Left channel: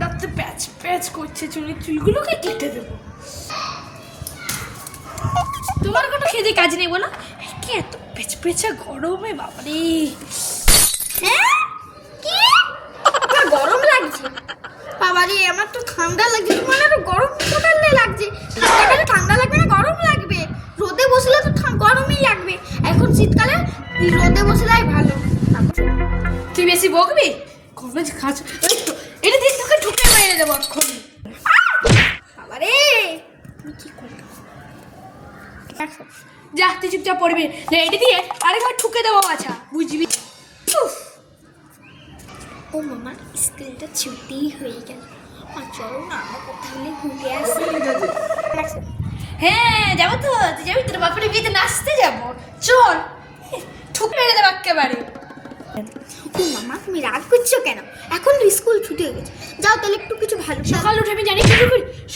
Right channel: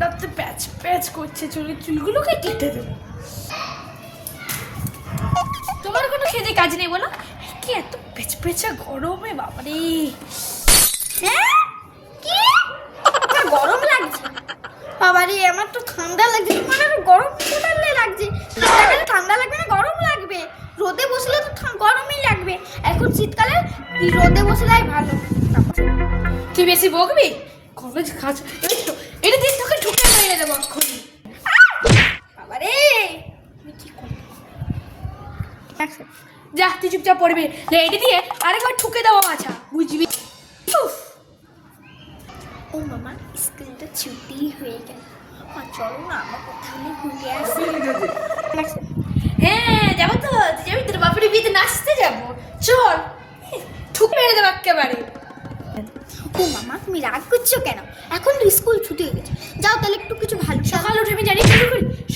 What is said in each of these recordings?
ঠান্ডাতে প্যাচ প্যাচ করছে, চুলগুলোকে কেটে দেবো। তোমার কোনো খেতে কাজ নেই বলো? কি এত পেচ পেচা গরমে বাবারে। হ্যাঁ কি গরম লাগছে বাবারে? আমার তো ঠান্ডা লাগছে, তোমার আরো গরম কোটালে লাগছে। ঠান্ডা লাগবে না গরম লাগবে? রোদে বসলে তো গরমই লাগবে। এখন শীতকালে রোদে বসলেই ভালো। তুই বেশি বকবি? কবে খাচ্ছ এটা দিয়ে তোকে ঢুকে মেরে দেবো এক্ষুনি। বাবারে তুমি কি করবি? যা তুই চুপচাপ পড়বি, এটি দিয়ে আরেকবার ঠুকে দেবো মাছা, বুঝবি? ও মামা স্কুলটা ছুটি হয়ে গেল, চলো না আমরা কোথাও ঘুরে আসি। হ্যাঁ যাবো তো, তুই যাবি? তোর বাপের বিয়েতে নাচতে যাবো, চল। ঠুকে মেরে দেবো একেবারে। ও মামা তুমি রাগ করছো কেন? এখন তো স্কুল ছুটি হয়ে গেছে, যাও তাহলে একটু কিছু ভালো। সকাল উঠে আমি জানি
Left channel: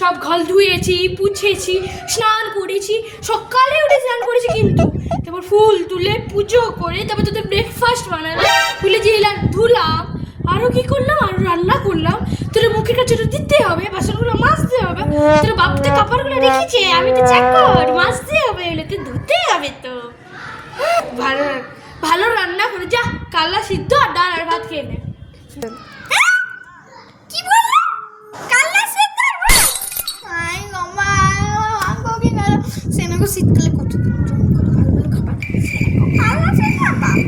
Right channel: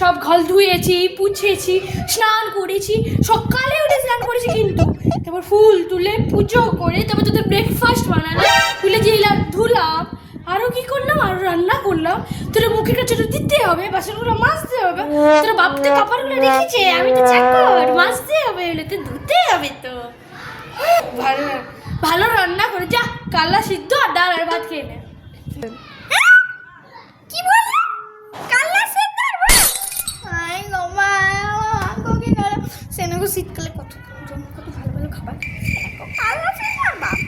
সব ঘর ধুয়েছি, পুছেছি, স্নান করেছি, সকালে উঠে স্নান করেছি, কিন্তু তারপর ফুল তুলে পুজো করে তারপর তোদের ব্রেকফাস্ট বানালাম, তুলে দিলাম, ধুলাম, আরো কি করলাম, আরো রান্না করলাম। তোর মুখের কাছে তো দিতে হবে, বাসনগুলো মাজতে হবে, তোর বাপতে কাপড়গুলো রেখেছে, আমি তো চাকর, মাজতে হবে, এগুলোকে ধুতে হবে। তো ভালো ভালো রান্না করে যা, কালা সিদ্ধ আর ডাল আর ভাত খেয়ে নে। কি বললি? কালা সিদ্ধ আর ভাত? আই গমা আঙ্গকে কালা সেনেগো শীতকালে কত ভালো ভালো খাবার। কালা সিদ্ধ আর ভাত।